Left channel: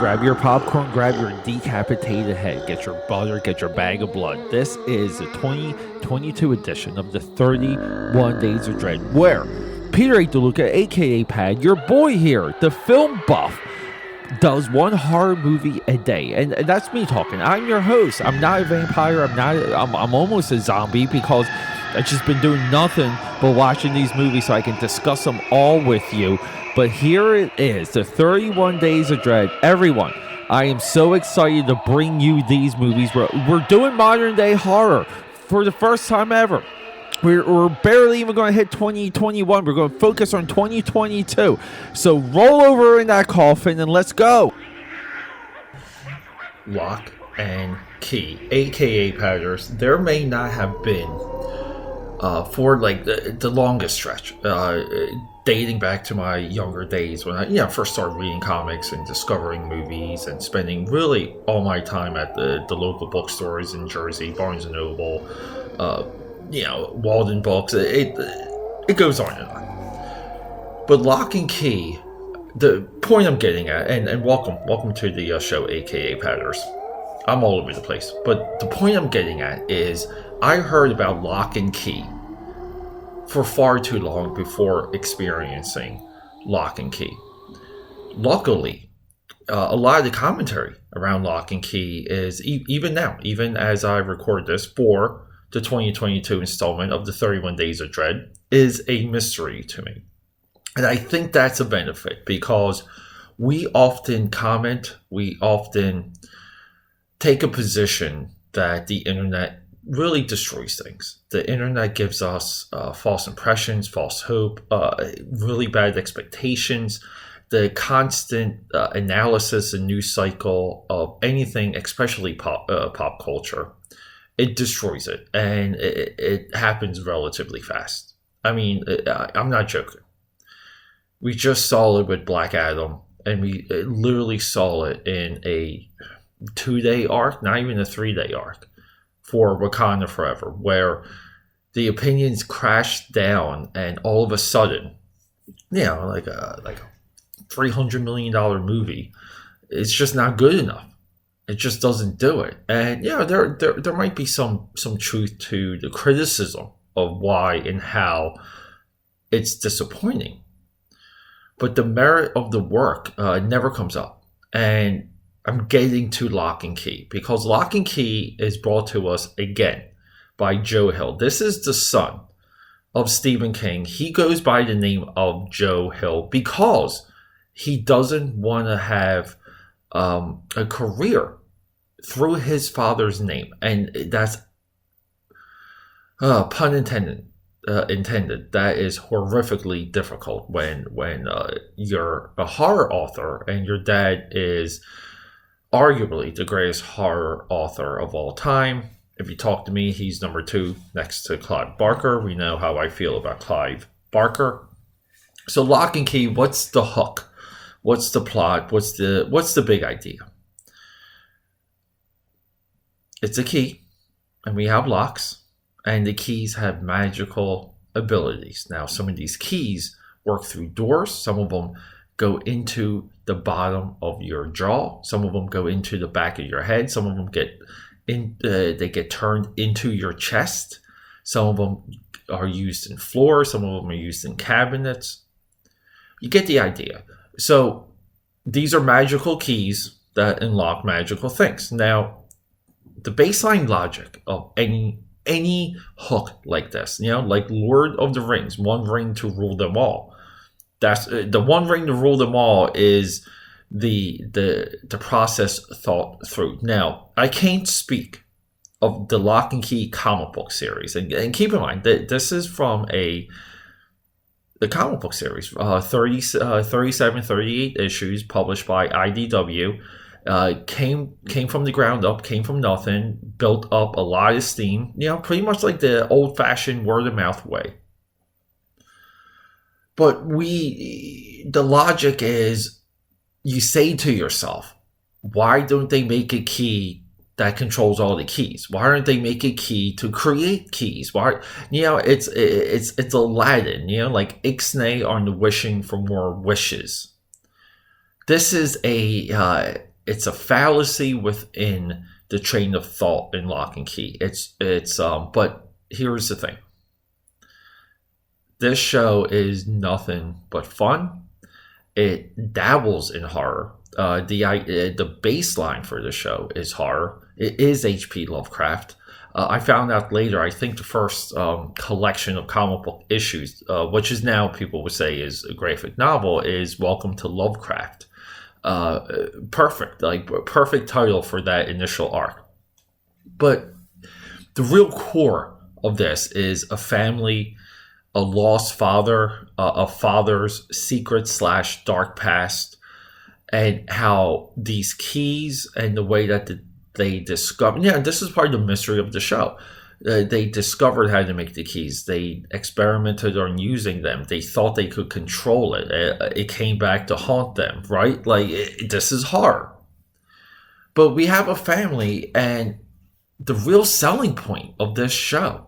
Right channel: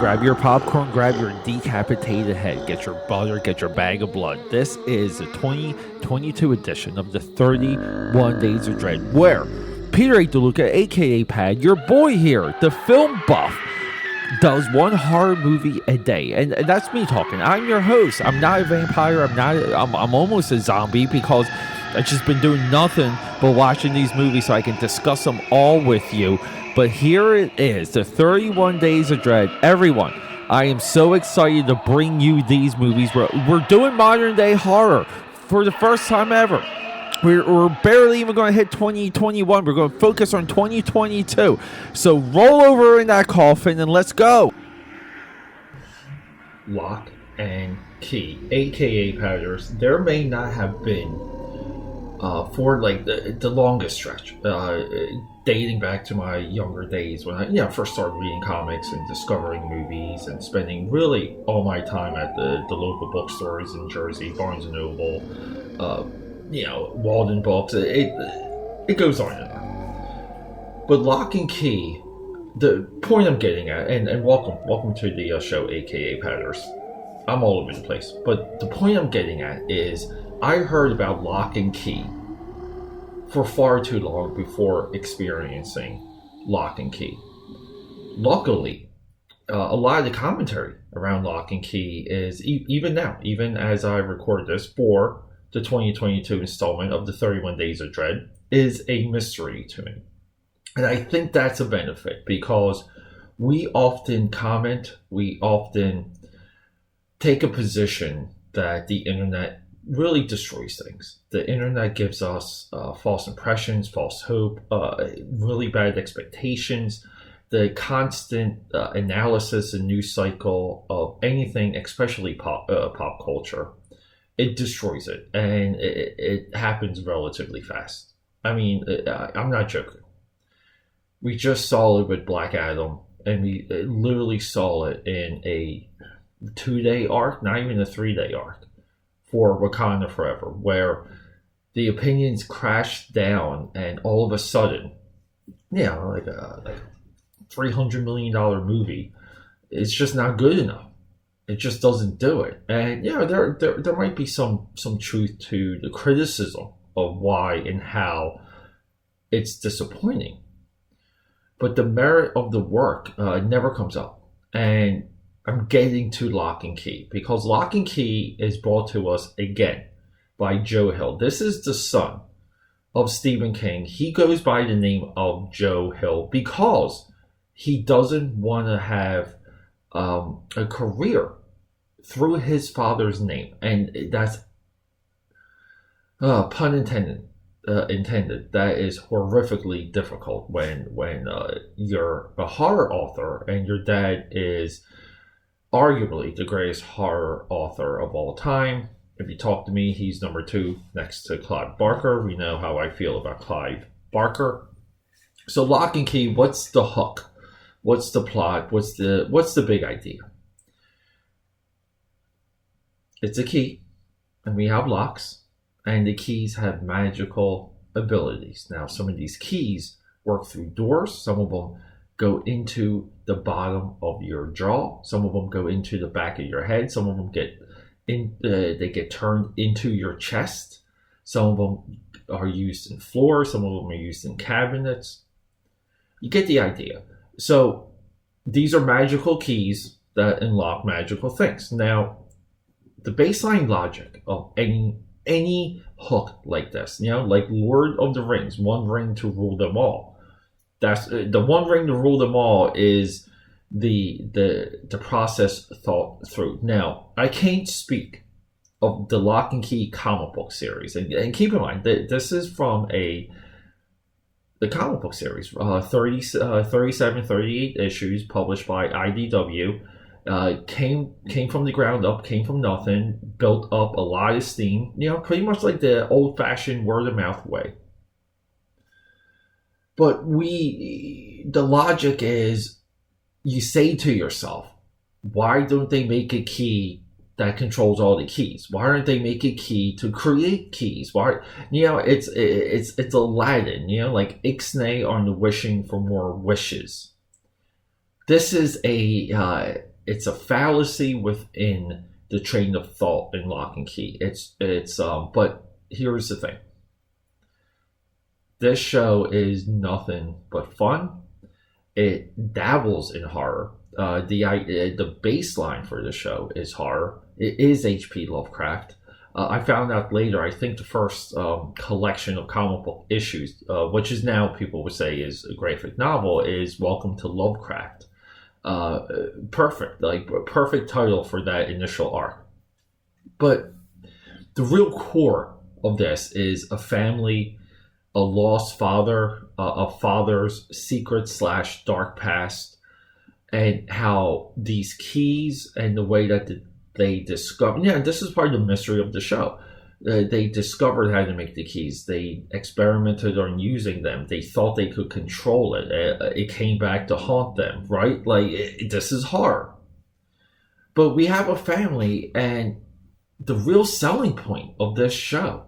grab your popcorn, grab your decapitated head, get your butter, get your bag of blood. This is the 2022 edition of the 31 Days of Dread, where Peter A. DeLuca, aka Pad, your boy here, the film buff, does one horror movie a day, and that's me talking. I'm your host. I'm not a vampire. I'm almost a zombie because I've just been doing nothing but watching these movies so I can discuss them all with you. But here it is, the 31 Days of Dread. Everyone, I am so excited to bring you these movies. We're doing modern day horror for the first time ever. We're barely even going to hit 2021. We're going to focus on 2022. So roll over in that coffin and let's go. Lock and Key, aka Padders, there may not have been for like the longest stretch, dating back to my younger days when I first started reading comics and discovering movies and spending really all my time at the local bookstores in Jersey, Barnes & Noble, Walden Books. It goes on and on. But Lock and Key, the point I'm getting at, and welcome to the show, aka Padders. I'm all over the place, but the point I'm getting at is I heard about Lock and Key for far too long before experiencing Lock and Key. Luckily, a lot of the commentary around Lock and Key is, even now, even as I record this for the 2022 installment of the 31 Days of Dread, is a mystery to me. And I think that's a benefit because we often comment, we often take a position that the internet really destroys things. The internet gives us false impressions, false hope, really bad expectations. The constant analysis and news cycle of anything, especially pop culture, it destroys it, and it happens relatively fast. I mean, I'm not joking. We just saw it with Black Adam, and we literally saw it in a 2-day arc, not even a 3-day arc, for Wakanda Forever, where the opinions crashed down, and all of a sudden, like a $300 million movie, it's just not good enough. It just doesn't do it. And there might be some truth to the criticism of why and how it's disappointing. But the merit of the work never comes up. And I'm getting to Lock and Key because Lock and Key is brought to us again by Joe Hill. This is the son of Stephen King. He goes by the name of Joe Hill because he doesn't want to have a career through his father's name, and that's pun intended. That is horrifically difficult when you're a horror author and your dad is arguably the greatest horror author of all time. If you talk to me, he's number 2 next to Clive Barker. We know how I feel about Clive Barker. So Lock and Key, what's the hook? What's the plot? What's the big idea? It's a key, and we have locks, and the keys have magical abilities. Now, some of these keys work through doors. Some of them go into the bottom of your jaw. Some of them go into the back of your head. Some of them they get turned into your chest. Some of them are used in floors. Some of them are used in cabinets. You get the idea. So these are magical keys that unlock magical things. Now, the baseline logic of any hook like this, like Lord of the Rings, one ring to rule them all. That's the one ring to rule them all is the process thought through. Now, I can't speak of the Lock and Key comic book series, and keep in mind that this is from the comic book series, 37, 38 issues published by IDW. Came from the ground up, came from nothing, built up a lot of steam, pretty much like the old-fashioned word-of-mouth way. But the logic is, you say to yourself, why don't they make a key that controls all the keys? Why aren't they make a key to create keys? Why, it's Aladdin, like Ixnay on the wishing for more wishes. This is a it's a fallacy within the train of thought in Lock and Key. But here's the thing. This show is nothing but fun. It dabbles in horror. The baseline for the show is horror. It is HP Lovecraft. I found out later, I think the first collection of comic book issues, which is now people would say is a graphic novel, is Welcome to Lovecraft. Perfect title for that initial arc. But the real core of this is a family, a lost father, a father's secret / dark past, and how these keys and the way that they discovered. Yeah, this is part of the mystery of the show. They discovered how to make the keys. They experimented on using them. They thought they could control it. It came back to haunt them, right? This is horror. But we have a family, and the real selling point of this show,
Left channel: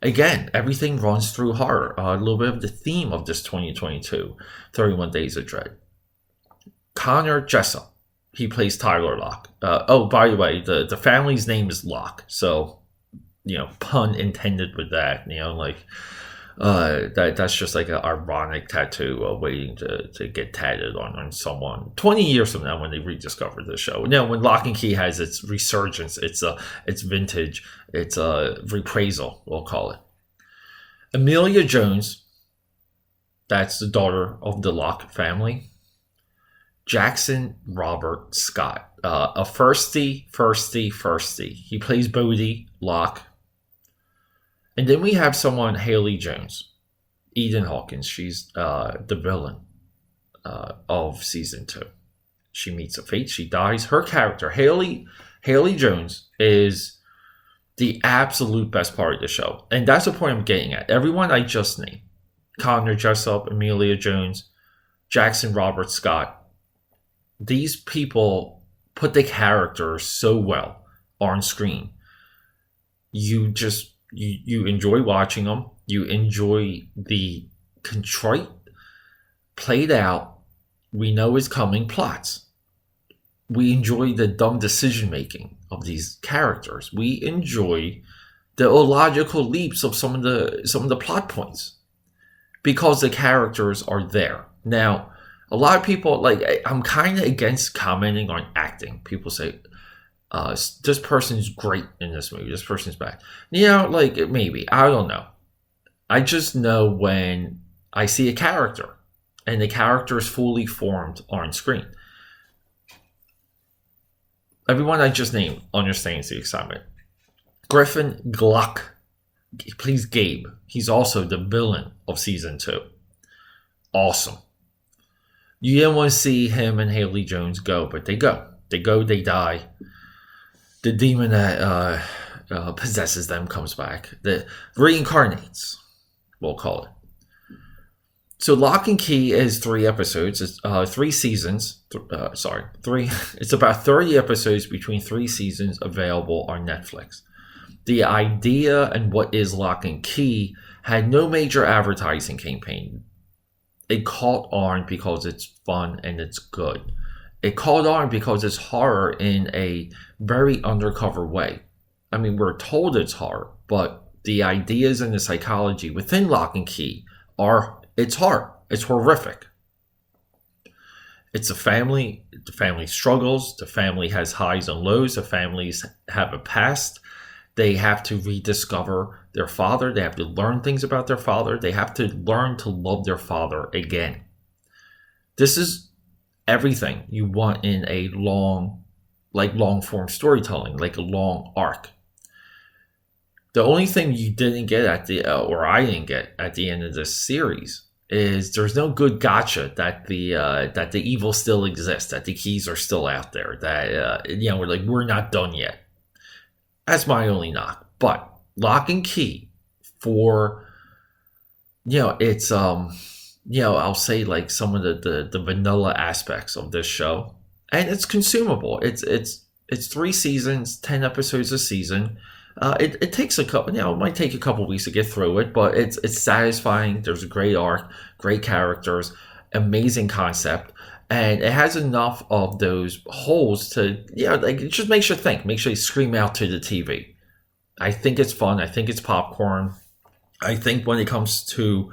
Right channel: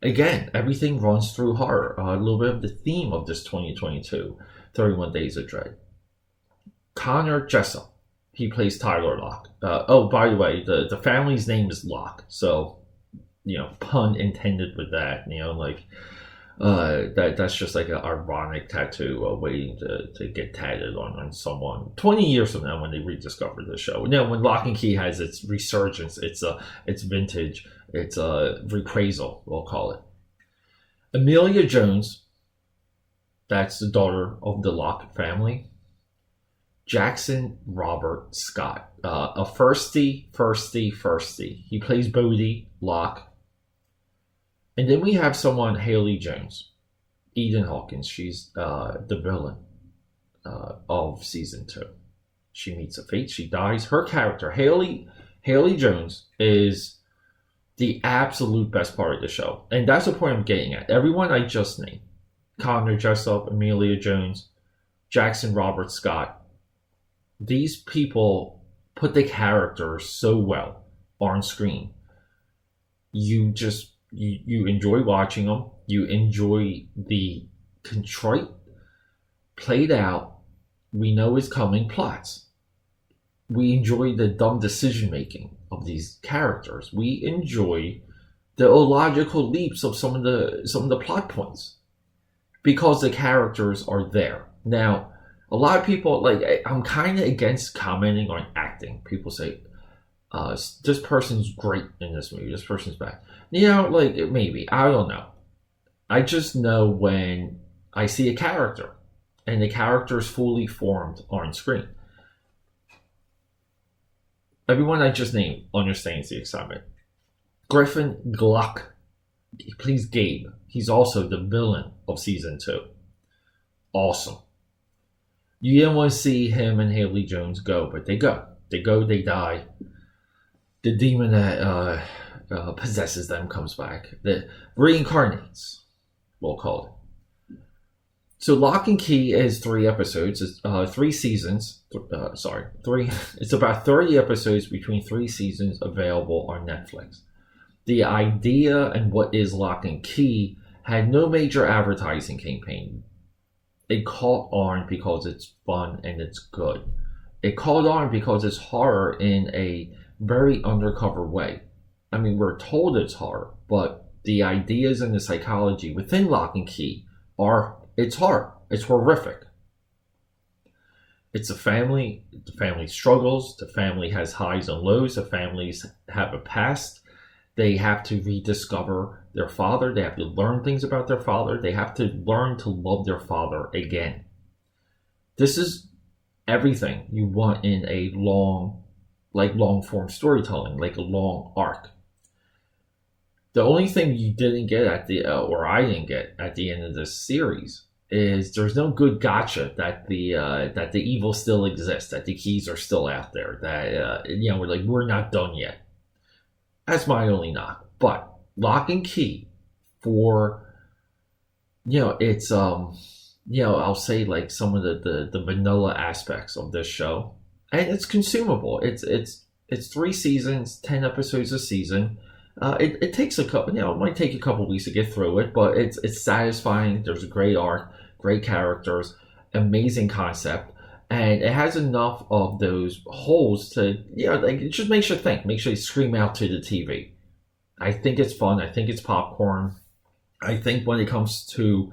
again, everything runs through horror. A little bit of the theme of this 2022 31 Days of Dread. Connor Jessup, he plays Tyler Locke. By the way, the family's name is Locke, so pun intended with that. That's just like an ironic tattoo waiting to get tatted on someone 20 years from now when they rediscover the show. Now, when Lock and Key has its resurgence, it's vintage, it's a reprisal, we'll call it. Amelia Jones, that's the daughter of the Locke family. Jackson Robert Scott, a firstie. He plays Bodie Locke. And then we have someone, Haley Jones, Eden Hawkins. She's the villain of season 2. She meets a fate. She dies. Her character, Haley Jones, is the absolute best part of the show. And that's the point I'm getting at. Everyone I just named, Connor Jessup, Amelia Jones, Jackson Robert Scott, these people put the characters so well on screen. You enjoy watching them. You enjoy the contrite, played out, we know is coming plots. We enjoy the dumb decision making of these characters. We enjoy the illogical leaps of some of the plot points because the characters are there. Now, a lot of people, I'm kind of against commenting on acting. People say, this person's great in this movie, this person's bad. Maybe, I don't know. I just know when I see a character and the character is fully formed on screen. Everyone I just named understands the excitement. Griffin Gluck, he plays Gabe. He's also the villain of season 2. Awesome. You didn't want to see him and Haley Jones go, but they go. They die. The demon that possesses them comes back. That reincarnates, we'll call it. So Lock and Key is 3 episodes. It's 3 seasons. It's about 30 episodes between 3 seasons available on Netflix. The idea and what is Lock and Key had no major advertising campaign. It caught on because it's fun and it's good. It caught on because it's horror in a very undercover way. I mean, we're told it's horror, but the ideas and the psychology within Lock and Key it's horror. It's horrific. It's a family. The family struggles. The family has highs and lows. The families have a past. They have to rediscover their father. They have to learn things about their father. They have to learn to love their father again. This is everything you want in a long form storytelling, like a long arc. The only thing you didn't get or I didn't get at the end of this series is there's no good gotcha that the evil still exists, that the keys are still out there, that we're not done yet. That's my only knock. But Lock and Key for it's I'll say like some of the vanilla aspects of this show, and it's consumable. It's 3 seasons, 10 episodes a season. It takes it might take a couple weeks to get through it, but it's satisfying. There's a great arc, great characters, amazing concept, And it has enough of those holes to, like, it just makes you think, makes you scream out to the TV. I think it's fun. I think it's popcorn. I think when it comes to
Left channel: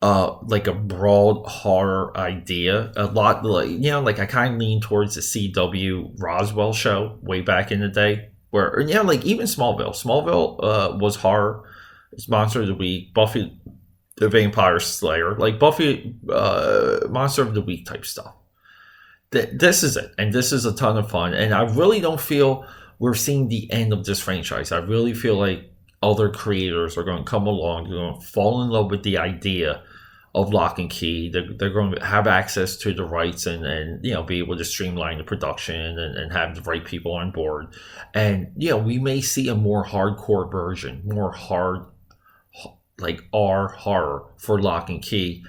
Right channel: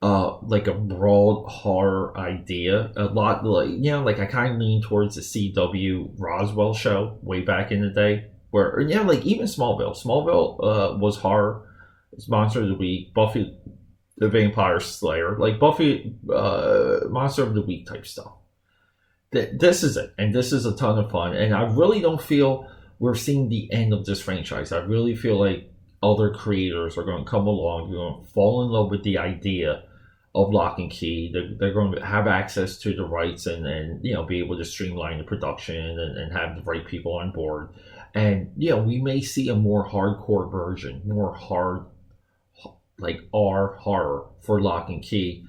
like a broad horror idea, a lot, like, like I kind of lean towards the CW Roswell show way back in the day, where, like even Smallville was horror. It's Monster of the Week, Buffy the Vampire Slayer, like Buffy Monster of the Week type stuff. This is it, and this is a ton of fun, and I really don't feel we're seeing the end of this franchise. I really feel like other creators are going to come along, they're going to fall in love with the idea of Lock and Key. They're going to have access to the rights and be able to streamline the production and have the right people on board. And we may see a more hardcore version, more hard, like R horror for Lock and Key.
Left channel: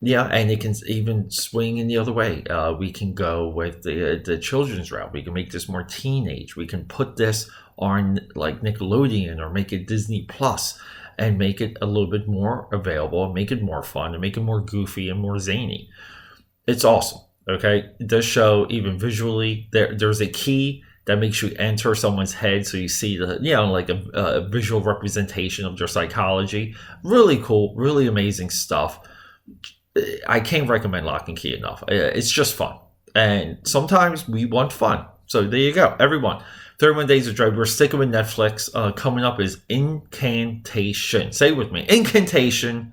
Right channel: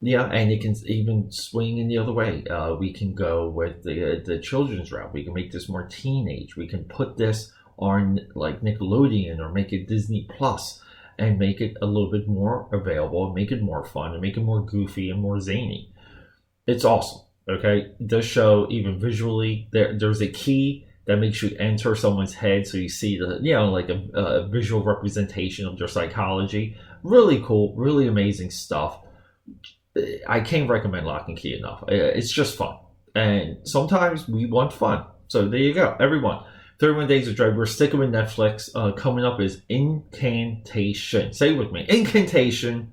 And it can even swing in the other way. We can go with the children's route. We can make this more teenage. We can put this on like Nickelodeon or make it Disney Plus and make it a little bit more available, make it more fun, and make it more goofy and more zany. It's awesome. Okay, this show, even visually, there's a key that makes you enter someone's head, so you see the like a visual representation of their psychology. Really cool, really amazing stuff. I can't recommend Lock and Key enough. It's just fun. And sometimes we want fun. So there you go, everyone. 31 Days of Dread. We're sticking with Netflix. Coming up is Incantation. Say it with me. Incantation.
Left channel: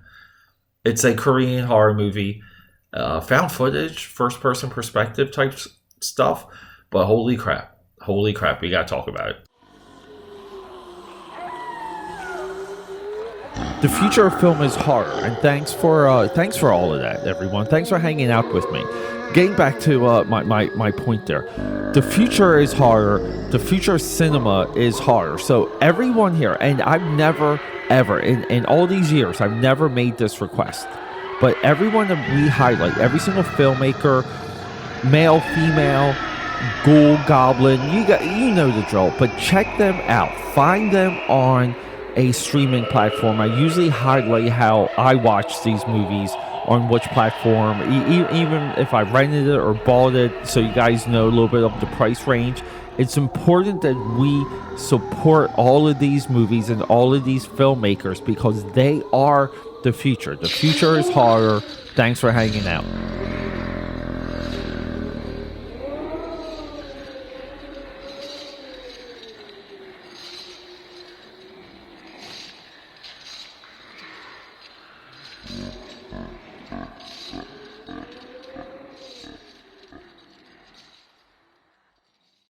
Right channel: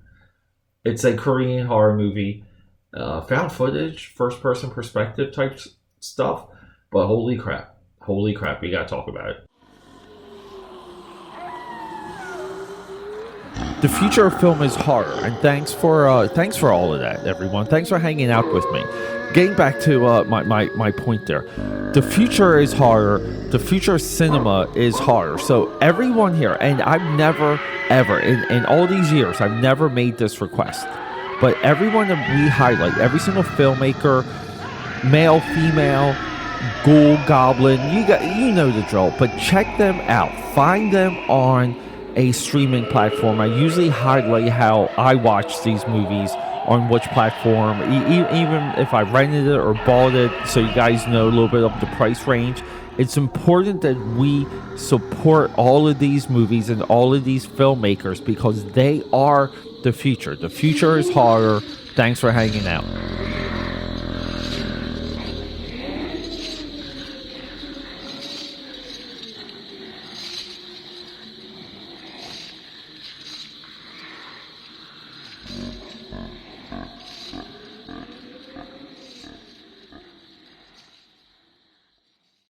It's a Korean horror movie. Found footage, first-person perspective type stuff. But holy crap. Holy crap. We got to talk about it. The future of film is horror, and thanks for all of that, everyone. Thanks for hanging out with me. Getting back to my point there, the future is horror. The future of cinema is horror. So everyone here, and I've never ever in all these years, I've never made this request, but everyone that we highlight, every single filmmaker, male, female, ghoul, goblin, you know the drill. But check them out. Find them on a streaming platform. I usually highlight how I watch these movies on which platform, even if I rented it or bought it, so you guys know a little bit of the price range. It's important that we support all of these movies and all of these filmmakers because they are the future. The future is horror. Thanks for hanging out.